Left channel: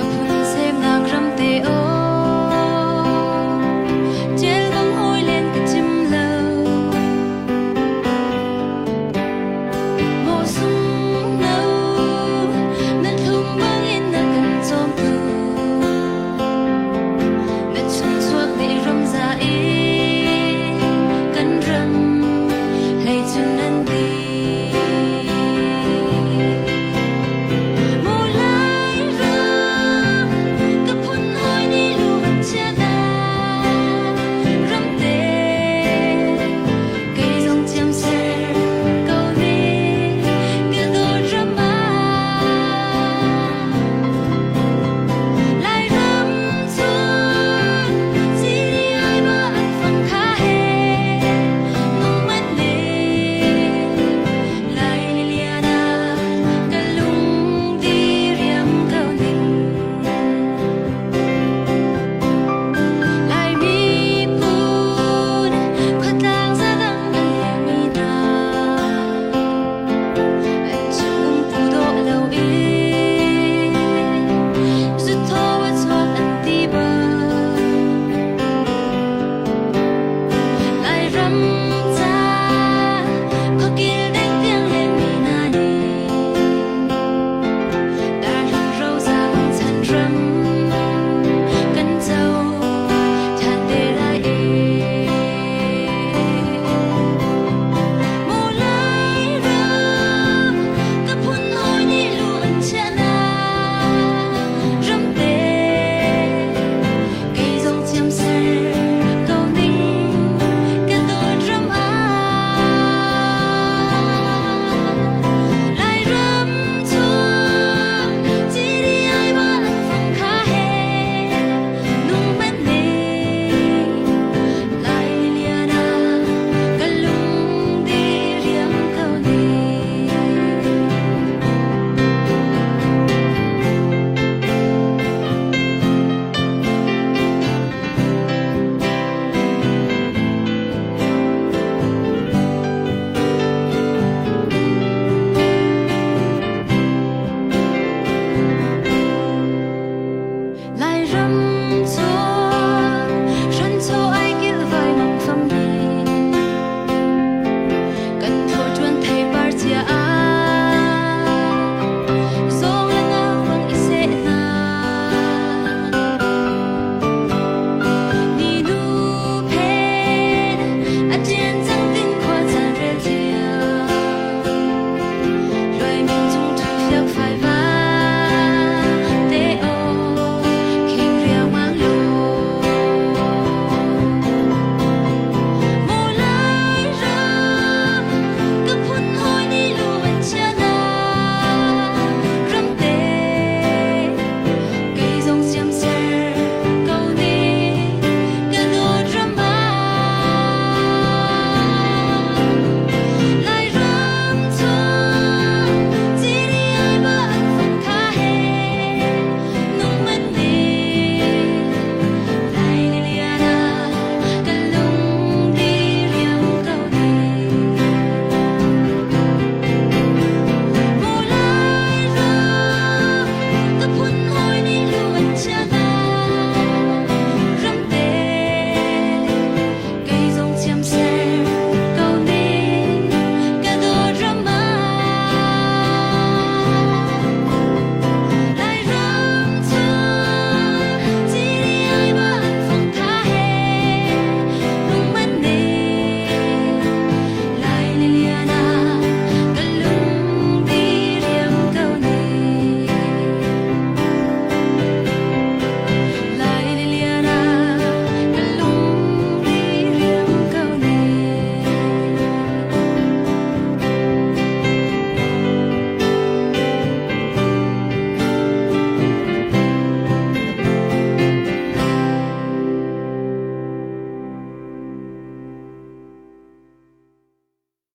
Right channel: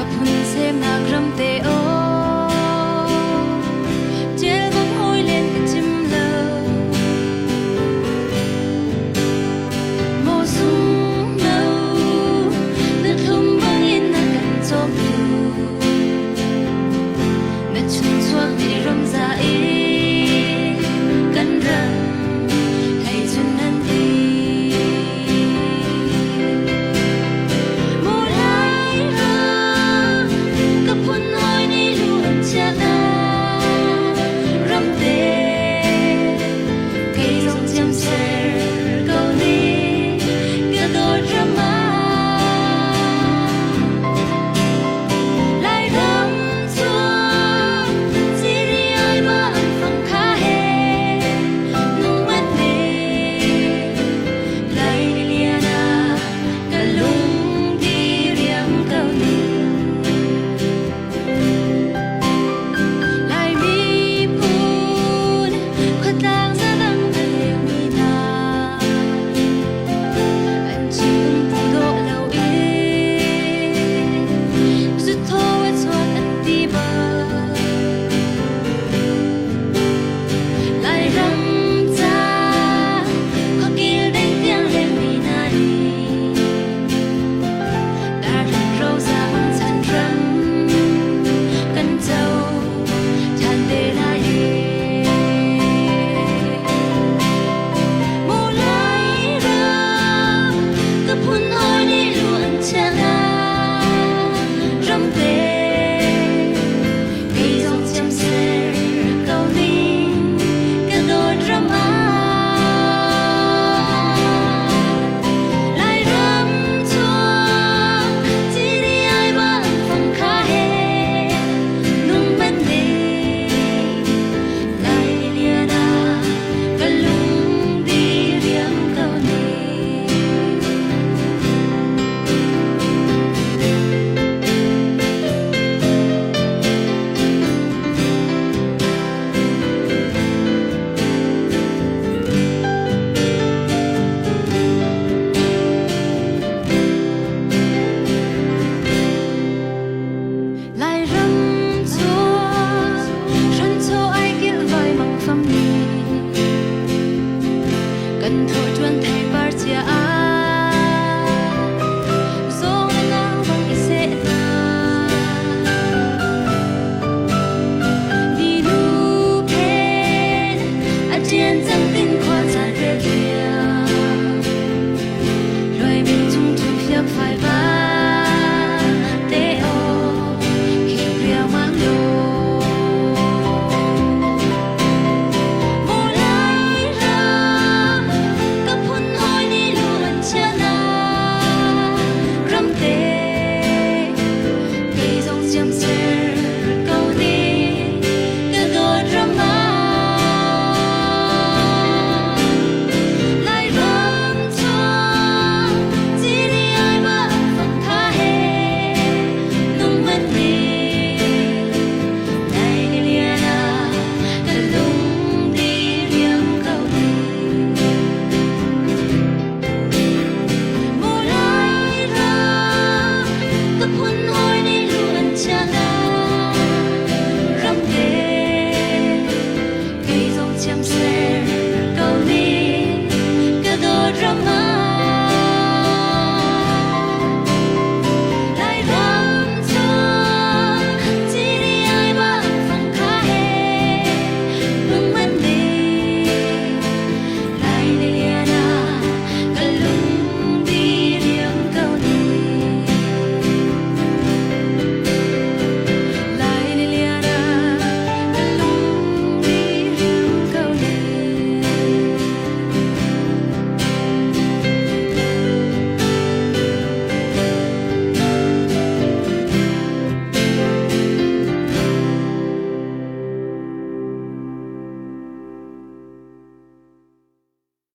กับหุ่นเซมนากรำเตโอเจลบังหอยเล่นกับจิมเลวโมซุงเนานัดทุ่มบังอินนักกันจอมตูนัดชุนชวกในรำซาอีกันรำให้จุนนันตีรำจ้าขอกิลเด้งเตียงเลี้ยงมีนาดีดารังเราจามังทันรำกันเจ้าทานเตได้เอโมไลรำกับพุ่นอ้อยนี่ล้วนชนะรำเตไก่จงเจียมเสเกานิ่งไล่รำชัวฉันโชว์ไอกิลไว้มังฟัมนีกันโทษจวนไทยปาร์เจียอาทรงและเงาบังอิเซนานี่นูเพนอาเจียนจังตินขวาจานเรียเทียรวยมิงจุงทุกยักไฟบ้าเตโอmang lô mùa lai râmกับพุ่นหอยนี่ล้วนชนะรำเตไก่จงเจียมเสเกานี่กระโดดรำมาchăm xe câu ní cả đôi rắm má lại rắm chua chỉ đi ai bạn phòng khá hè nung mắt đi lại lê lia na cả lung đi riêng câu ní lại lê lia